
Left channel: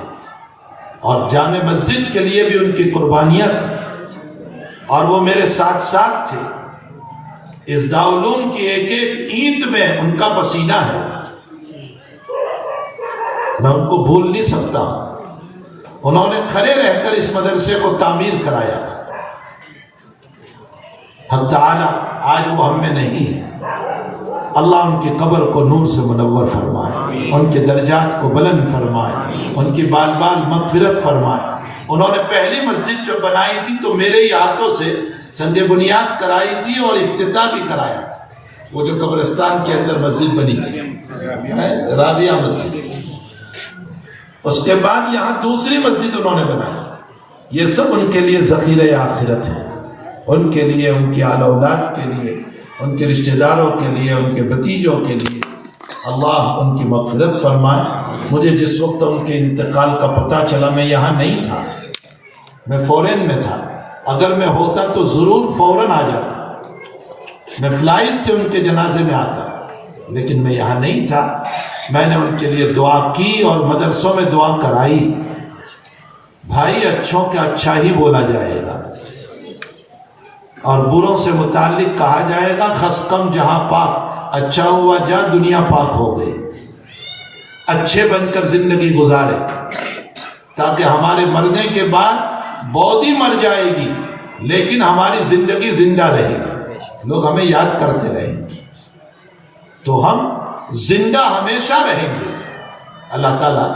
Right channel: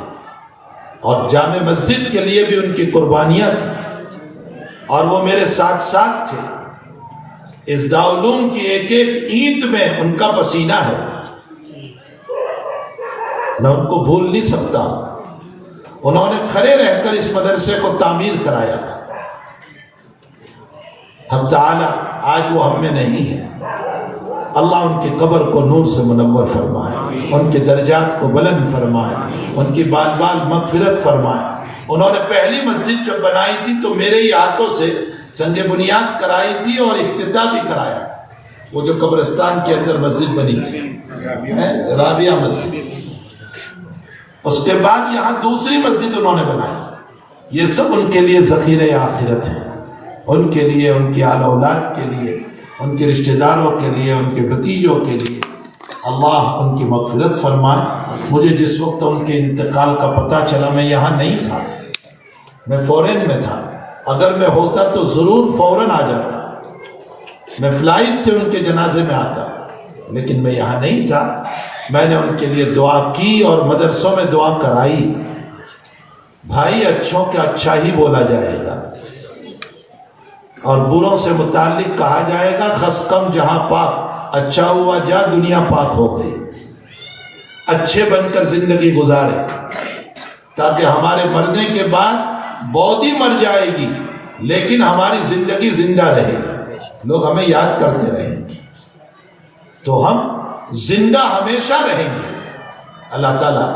اور جامع مسجد کے لیے بھی ان کی قربانیاں تھیں، اور وہ میرے ساتھ ساتھ تھے. اس دارالعلوم کی ایک ایک اینٹ میں ان کا پسینہ ہے، میں ان کو بھول نہیں سکتا. انہوں نے کھڑے رہ کر اس مدرسے کو تعمیر کرایا تھا. حق تعالی آج وہ ہم میں نہیں ہے. اللہ ان کی قبر کو نور سے منور فرمائے، ان کے درجات کو بلند فرمائے، ان کی بال بال مغفرت فرمائے. انہوں نے پہلی مسجد جو بنائی تھی تو میرے ہی ہاتھوں سے سنگ بنیاد کرائی تھی اور افتتاح بھی کرایا. وہ جو قبرستان کے اندر مسجد بنی تھی، رابعہ مسجد. اس کے بعد یہاں دوسری مسجد انہوں نے بنائی. یہ سب ان کے لیے ذخیرہ آخرت ہے، ان کے لیے، ان کی آل اولاد کے لیے، ان کے رشتہ داروں کے لیے، ان کے بھتیجوں کے لیے. اللہ ان کی مغفرت فرمائے. مجھے جس وقت ان کے انتقال کا پتہ چلا، میں یہاں نہیں تھا، میں فورن میں تھا. اگر میں ہوتا تو ضرور فوراً آ جاتا، میں فلائٹ سے ان کے جنازے میں آتا، لیکن میں یہاں نہیں تھا. میں نے ان کے لیے دعا کی اور مدرسوں میں دعا کرائی. بھائی اچھوں کا اچھا ہی بولا جائے گا، اور بروں سے متعلق کہا جائے گا خس کم جہاں پاک، اچھا ہوا جا دنیا پاک ہو گئی. اچھے بن کر زندگی گزارے تاکہ ہمارے مرنے کے بعد باڈی مر جائے گی لیکن ہماری زندگی زندہ رہے گی، لوگ ہمیں یاد کرتے رہیں گے، تو ہم زندہ ہمیشہ رہیں گے. اللہ تعالیٰ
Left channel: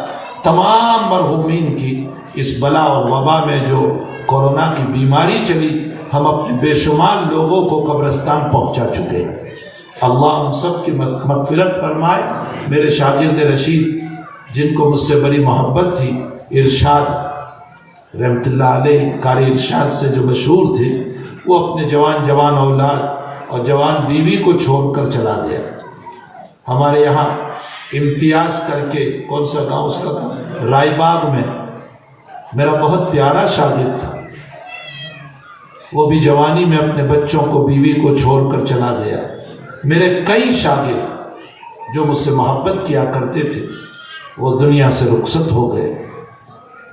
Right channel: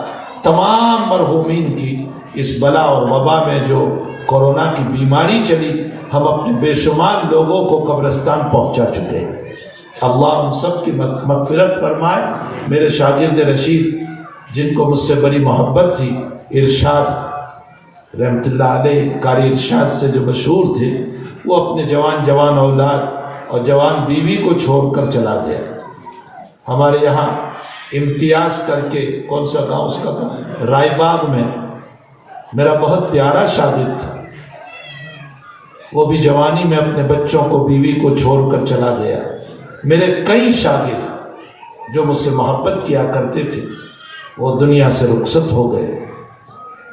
تمام مرحومین کی اس بلا اور وبا میں جو کورونا کی بیماری چلی، ہم اپنے بے شمار لوگوں کو قبرستان پہنچا چکے ہیں۔ اللہ ہم سب کی مغفرت فرمائے۔ میرے شاگرد رشید جن کو مجھ سے بڑی محبت تھی، ارشاد رحمت اللہ علیہ قاری ارشاد سے جو مشہور تھے، وہ اپنے جوان اولاد اور جوان بیوی کو چھوڑ کر چلا گیا۔ ہمارے یہاں امتیاز کر کے، کون سا گاؤں اس کا تھا، رائے باغ میں میرا بہت پیارا شاگرد تھا، وہ بھی جوانی میں اپنے بچوں کو بیوی کو چھوڑ کر چلا گیا۔ میرے کئی شاگرد جو مجھ سے محبت کیا کرتے تھے وہ دنیا سے رخصت ہو گئے۔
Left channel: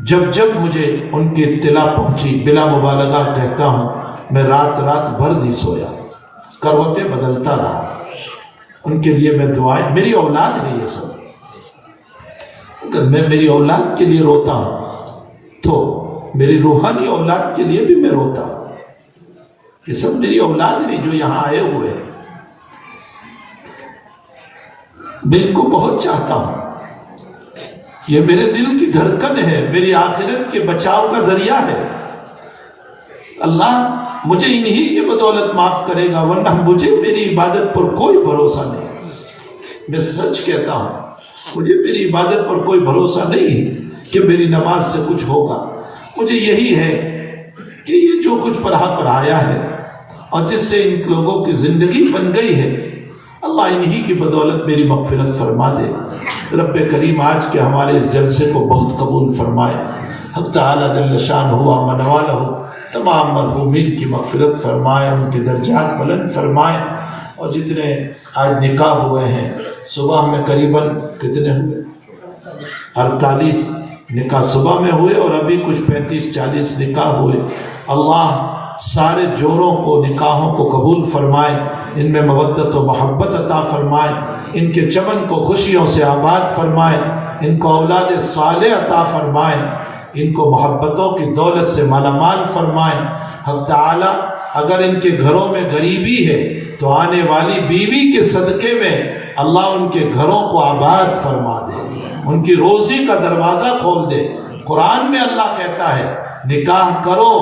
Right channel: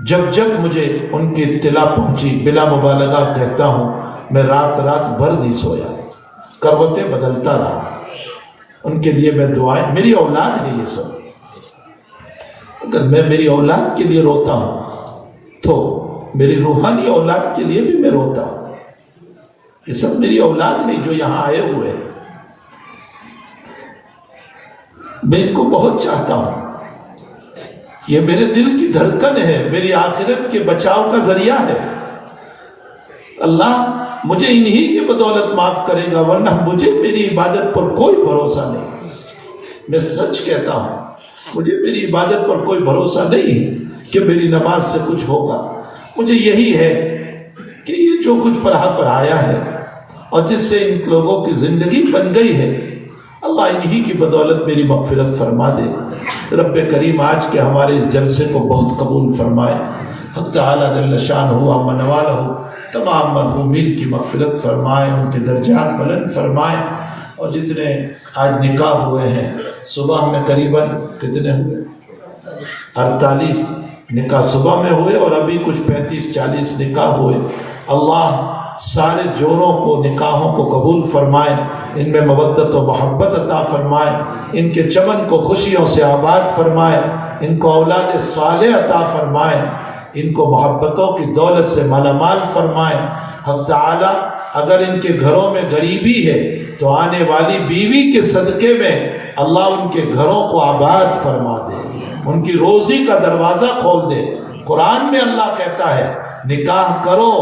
جب مجھے ان کی اطلاع پہنچی، بلا مبالغہ کہتا ہوں، میں رات بھر نہیں سویا، کروٹیں بدلتا رہا۔ ان کے لیے میں دعائیں، میری اولاد ہے یہ سب، اگر میں میری اولاد کے لیے روتا ہوں تو میری روحانی اولاد کے لیے بھی میں روتا ہوں۔ یہ سب میری اولاد ہے جو یہاں آئے ہوئے ہیں، میں ان کو بہت چاہتا ہوں، یہ میرے دل کی دھڑکن ہے، میری آخرت کے بچاؤ کا ذریعہ ہے۔ اللہ مجھے انہی کی بدولت معاف کرے گا، ورنہ مجھے میری عبادت پر کوئی بھروسہ نہیں۔ میں سچ کہتا ہوں، مجھے میری عبادت پر کوئی بھروسہ نہیں ہے کہ میری نماز سے کچھ ہوگا۔ مجھے یہی ہے کہ یہ جو کچھ پڑھایا ہے اور جس سے ان لوگوں کی زندگی بن گئی ہے، اللہ انہی کی بدولت میری مغفرت فرما دے۔ رب کریم آج کے ہمارے اس جلسے کو بہت قبول فرمائے۔ حق تعالیٰ جل شانہ عما نوالہ تمام مرحومین کی مغفرت فرمائے، ان کے درجات بلند فرمائے۔ اور جتنے آج نکاح ہوئے ہیں، صبح میں قریباً کتنے ہوئے، 48 نکاح صبح میں ہوئے، اور ابھی کچھ 35-40 نکاح ہوئے۔ اللہ سارے جوڑوں کو، نکاحوں کو قبول فرمائے، ان میں مودت و محبت عطا فرمائے، ان کے چمن کو خوشیوں سے آباد فرمائے، ان کو اولاد صالح عطا فرمائے، ان کو محبتوں کی دولت سے مالا مال فرمائے۔ حق تعالی اگر ان کے گھروں میں غریبی ہے تو آنے والی بیوی کے صدقے میں اللہ ان کے گھروں کو آباد فرما دے، ان کی روزی کا دروازہ کھول دے۔ قرآن میں اللہ کہتا ہے نکاح کرو،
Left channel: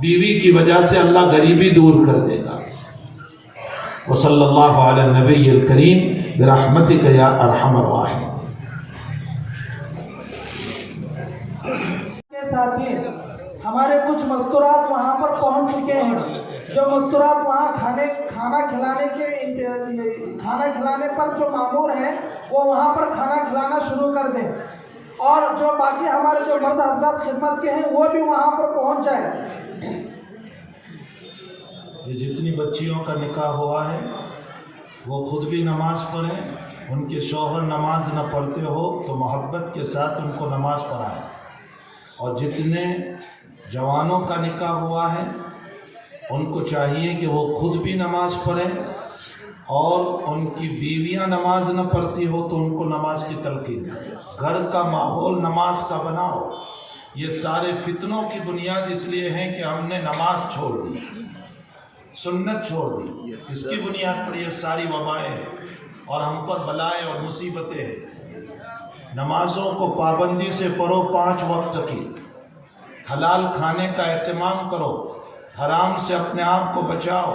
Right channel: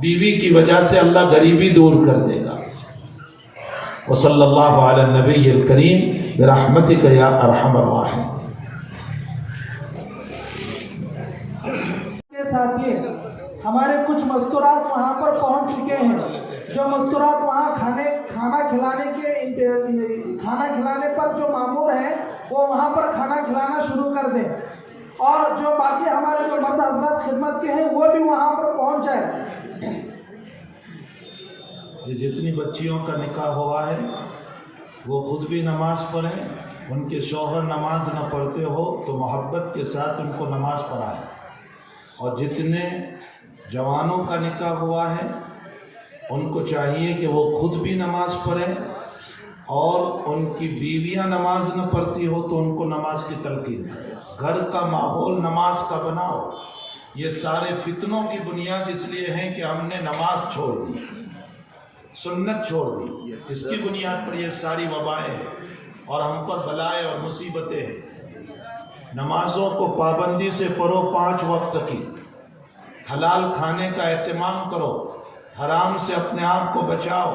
بیوی کی وجہ سے اللہ غریبی دور کر دے گا۔ وصلی اللہ علی النبی الکریم برحمتک یا ارحم الراحمین۔ ساتھی ہمارے کچھ مستورات وہاں پر پہنچ چکے ہیں، جو مستورات وہاں کھانا کھلانے پر جو مامور ہیں وہ وہاں پر کھانا کھلانا شروع کر دیں، اور جو باقی ہمارے جو مرد حضرات خدمت کے ہیں وہ بھی وہاں پر پہنچ جائیں۔ جتنی بچیوں کا نکاح ہوا ہے وہ خود بھی نماز پڑھیں، ان کے شوہر نماز نہ پڑھتے ہو تو محبت کے ساتھ ان کو نماز پڑھائیں، اور جتنے جوانوں کا نکاح ہوا ہے ان کو چاہیے کہ وہ خود بھی نماز پڑھیں، اور ان کی بیویاں نماز نہ پڑھتی ہو تو ان کو نماز کی تلقین کریں۔ گھر کا ماحول نماز کا بناؤ۔ یہ سارے فتنوں کی بنیاد اس لیے ہے کہ ہم نے نماز چھوڑ دی، سنت چھوڑ دی، اس کی بنیاد پر یہ ساری وبائیں ہیں اور ہم پر بلائیں اور مصیبتیں ہیں۔ نمازوں کو پابندی سے پڑھو، 5 وقت کی، حلال کھانے کا اہتمام کرو، حرام سے اپنے آپ کو بچاؤ،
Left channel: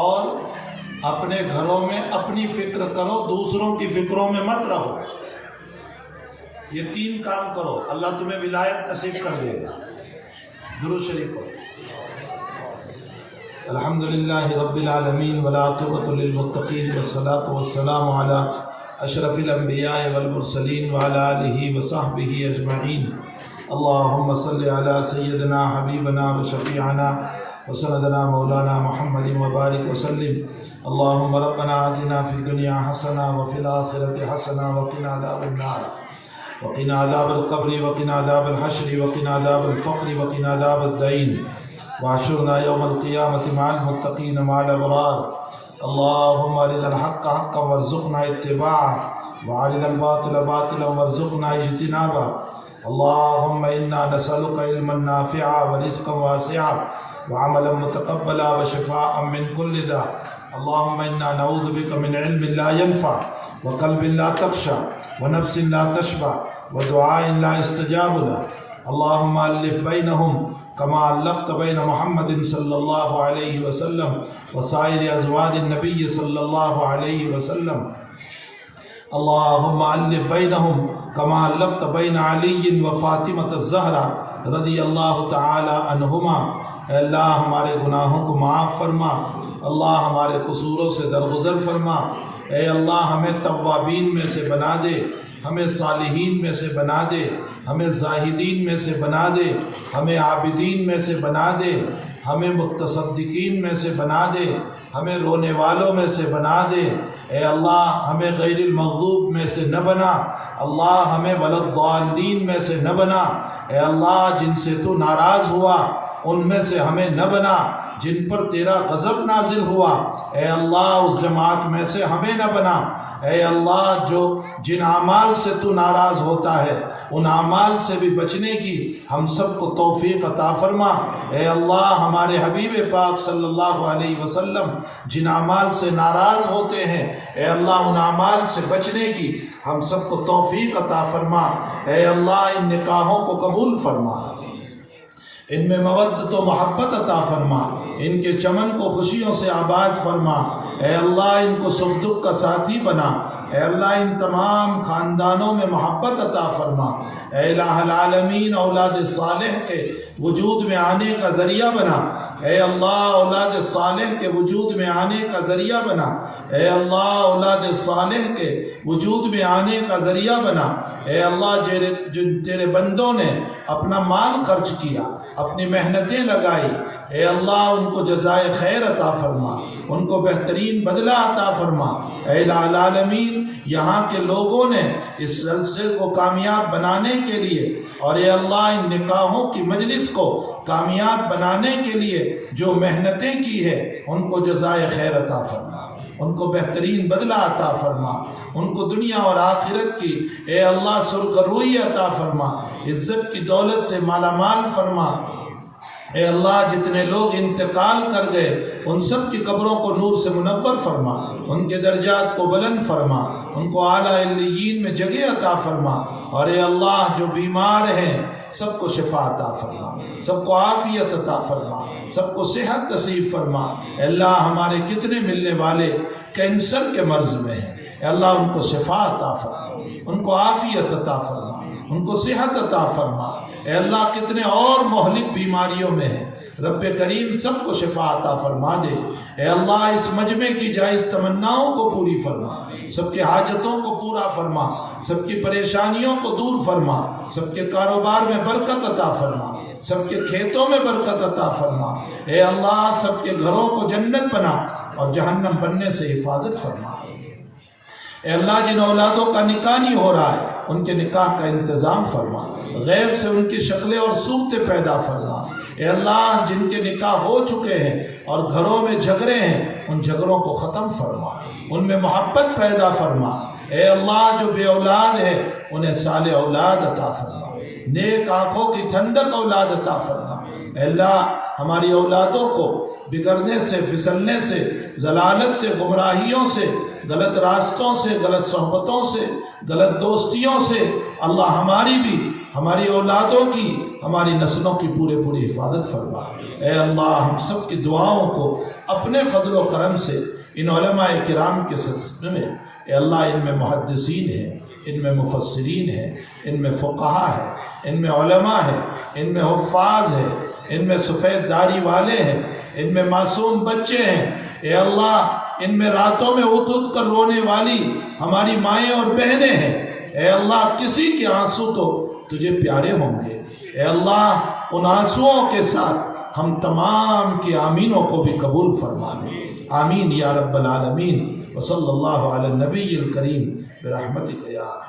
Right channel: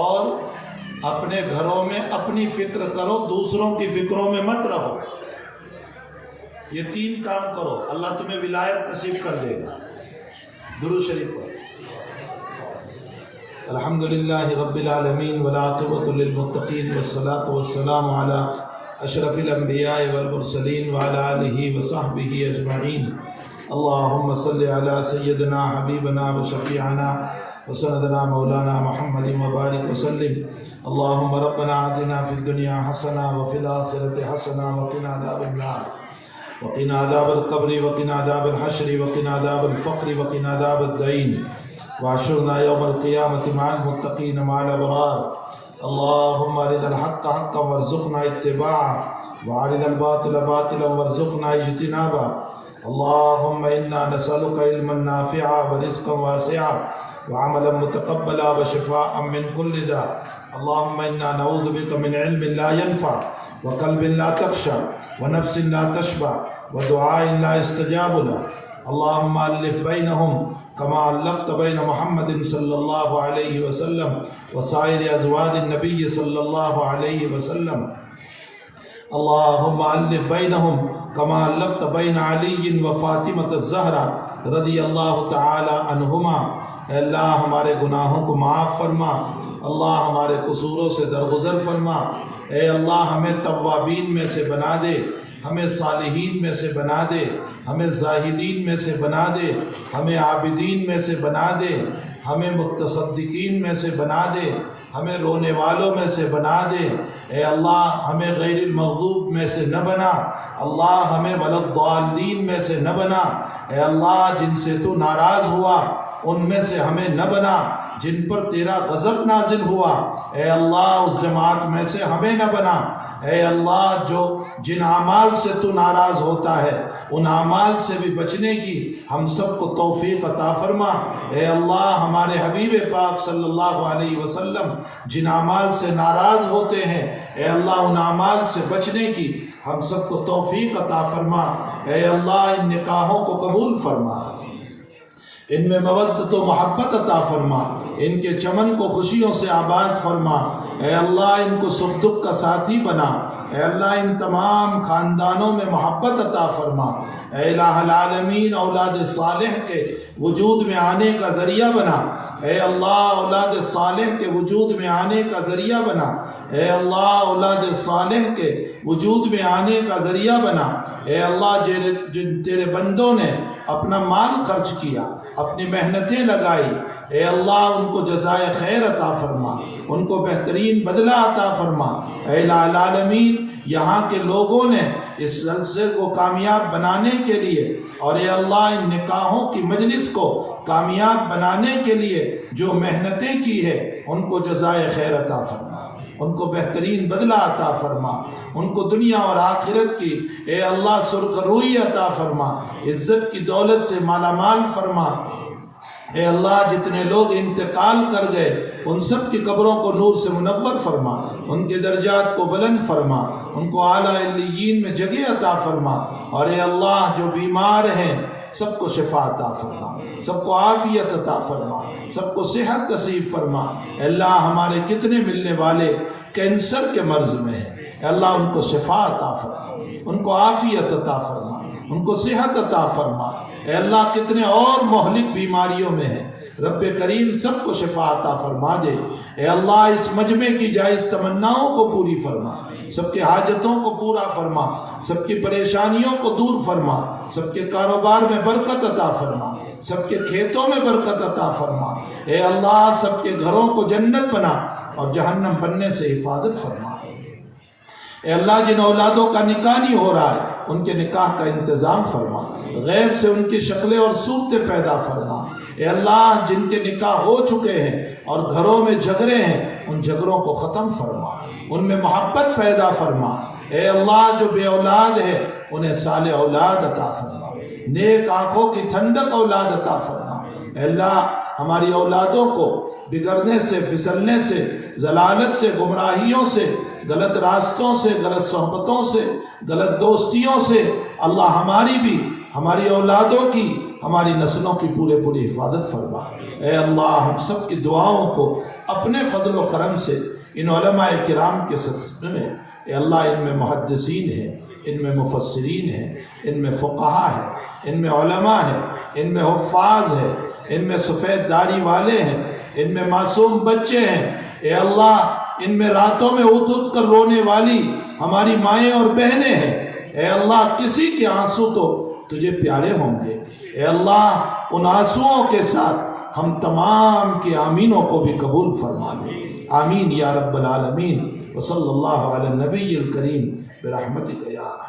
اور اپنے گھروں میں اپنی فکر کرو، دوسروں کی فکروں میں مت رہو۔ یہ 3 کام کرو، اللہ تمہیں ولایت نصیب کر دے گا۔ درود شریف پڑھو۔ الحمدللہ رب العالمین والعاقبۃ للمتقین والصلاة والسلام علی اشرف الانبیاء والمرسلین وعلی آلہ وصحبہ اجمعین۔ اللہم صلی علی سیدنا حبیبنا وشفیعنا وسندنا مولانا محمد وبارک وسلم۔ اللہم ربنا آتنا فی الدنیا حسنہ وفی الآخرۃ حسنہ وقنا عذاب النار وقنا عذاب القبر وقنا عذاب الحشر وقنا عذاب الفقر وقنا عذاب الدین واحشرنا یوم القیامۃ مع المتقین مع الابرار۔ اللہم ارنا الحق حقا وارزقنا اتباعہ وارنا الباطل باطلا وارزقنا اجتنابہ۔ اللہم انا نسألک علما نافعا ورزقا واسعا وعملا متقبلا وشفاء من كل داء۔ اللهم إنا نعوذ بك من علم لا ينفع وقلب لا تخشع ونفس لا تشبع ودعاء لا يستجاب له اللهم ألف بينهم كما ألفت بين محمد صلى الله عليه وسلم وسائر أزواج النبي صلى الله عليه وسلم اللهم ألف بينهم كما ألفت بين علي وفاطمة الزهرا رضی اللہ تعالی عنہما۔ اے اللہ ہمارے گناہوں کو معاف فرما، اللہ ہمارے قصوروں سے درگزر فرما، اے اللہ ہمیں توابین میں سے بنا دے، ہمیں صالحین میں سے بنا دے، ہمیں زاہدین میں سے بنا دے، ہمیں عابدین میں سے بنا دے، ہمیں متصدقین میں سے بنا دے، ہمیں رونے والوں میں سے بنا دے، اے اللہ ہمیں غیر المغضوب میں سے نہ بنا، اللہ ہمیں ولا الضالین میں سے نہ بنا، اے اللہ جن سے تو ناراض ہوا ان میں سے ہمیں نہ بنا، جن پر تیرا غضب نازل ہوا اے اللہ اس جماعت میں سے ہمیں نہ بنا، اے اللہ جو جن اعمال سے تو ناراض ہوتا ہے ان اعمال سے بھی بچنے کی ہم سب کو توفیق عطا فرما، اے اللہ ہمارے حبیب پاک صلی اللہ علیہ وسلم جن اعمال سے ناراض ہوتے ہیں اے اللہ ان اعمال سے بچنے کی ہم سب کو توفیق عطا فرما، اے اللہ ان نکاحوں کو قبول فرما، ان میں مودت و محبت عطا فرما، ان کے چمن کو خوشیوں سے آباد فرما، اے اللہ ان کو سکھ دکھ کا ساتھی بنا، اے اللہ ان تمام خاندانوں میں محبت عطا فرما، اے الہ العالمین اولاد صالح کے وجود میں آنے کا ذریعہ بنا، اے اللہ اولاد صالح کے وجود میں آنے کا ذریعہ بنا، اے اللہ اولاد صالح کے وجود میں آنے کا ذریعہ بنا، اے اللہ جن تیرے بندوں نے اپنا مال خرچ کیا، اپنی محنتیں لگائی، اے اللہ ان کو جزائے خیر عطا فرما، ان کو بہترین بدلہ عطا فرما، اے الہ العالمین یہاں کے لوگوں نے اس جلسے کو کامیاب بنانے کے لیے اور اے اللہ ان نکاحوں کی مجلس کو کامیاب بنانے کے لیے جو محنتیں کی ہے ان کو جزائے خیر عطا فرما، ان کو بہترین بدلہ عطا فرما، ان کو دنیا اور آخرت کی اے اللہ سرخ روئی عطا فرما، عزت کی دولت سے مالا مال فرما، اے اللہ جتنے لوگ انتقال کر گئے ان سب کی قبروں کو نور سے منور فرما، ان کے درجات کو بلند فرما، ان کو اعلیٰ علیین میں جگہ عطا فرما، اور اے اللہ جو بیمار ہیں سب کو شفا عطا فرما، سب کو عافیت عطا فرما، سب کو صحت نصیب فرما، اے اللہ ہمارے کتنے ملنے والے کینسر کے مرض میں ہیں اے اللہ ان کو شفا عطا فرما، ان کو عافیت عطا فرما، ان کو صحت عطا فرما، اے اللہ کتنے اور مہلک بیماریوں میں ہیں رب کریم سب کو شفا عطا فرما دے، اے اللہ اس مجمع کی جائز تمناؤں کو پوری فرما، سب کے حاجتوں کو پورا فرما، سب کی پریشانیوں کو دور فرما، سب کے کاروبار میں برکت عطا فرما، سب کے کھیتوں میں برکت عطا فرما، اے اللہ سب کے گھروں کو جنت بنا اور جہنم بننے سے حفاظت فرما، اے اللہ جن اولادوں کا نکاح نہیں ہو رہا ہے ان کے نکاح کا انتظام فرما، غیب سے ان کی شکلیں اور صورتیں پیدا فرما، اے اللہ جن کے نکاح ہو چکے ہیں اور گھروں میں جھگڑے ہیں ان جھگڑوں کو ختم فرما، ان میں محبت پیدا فرما، اے اللہ جو بے اولاد ہے انہیں صالح اولاد عطا فرما، نیک آنکھوں کی ٹھنڈک اولاد عطا فرما، اے اللہ ہماری اولادوں کو بگڑنے سے، پھسلنے سے، ضلالت سے، گمراہیوں سے، غلط راستوں سے، غلط صحبتوں سے، غلط دوستیوں سے اللہ ہماری بھی، ہماری اولادوں کی، ہماری نسلوں کی پوری حفاظت فرما، اے اللہ ہم سب کی دعاؤں کو اپنے فضل و کرم سے ان علماء کرام کے سلسلے میں اے اللہ ان میں محدثین ہیں، ان میں مفسرین ہیں، ان میں فقہا ہیں، ان میں علماء ہیں، ان میں حفاظ ہیں، ان میں سفید داڑھی والے ہیں، ان میں معصوم بچے ہیں، اے اللہ ان میں راتوں میں اٹھ اٹھ کر رونے والی ہماری مائیں اور بہنیں ہیں، اے اللہ کسی کے آنسو تو تجھے پیارے ہوں گے، اے اللہ ان آنسوؤں کے ساتھ ہم تمام کی آمینوں کو بھی قبول فرما دے، آمین یا رب العالمین، وصلی اللہ علی النبی الکریم برحمتک یا رحمت۔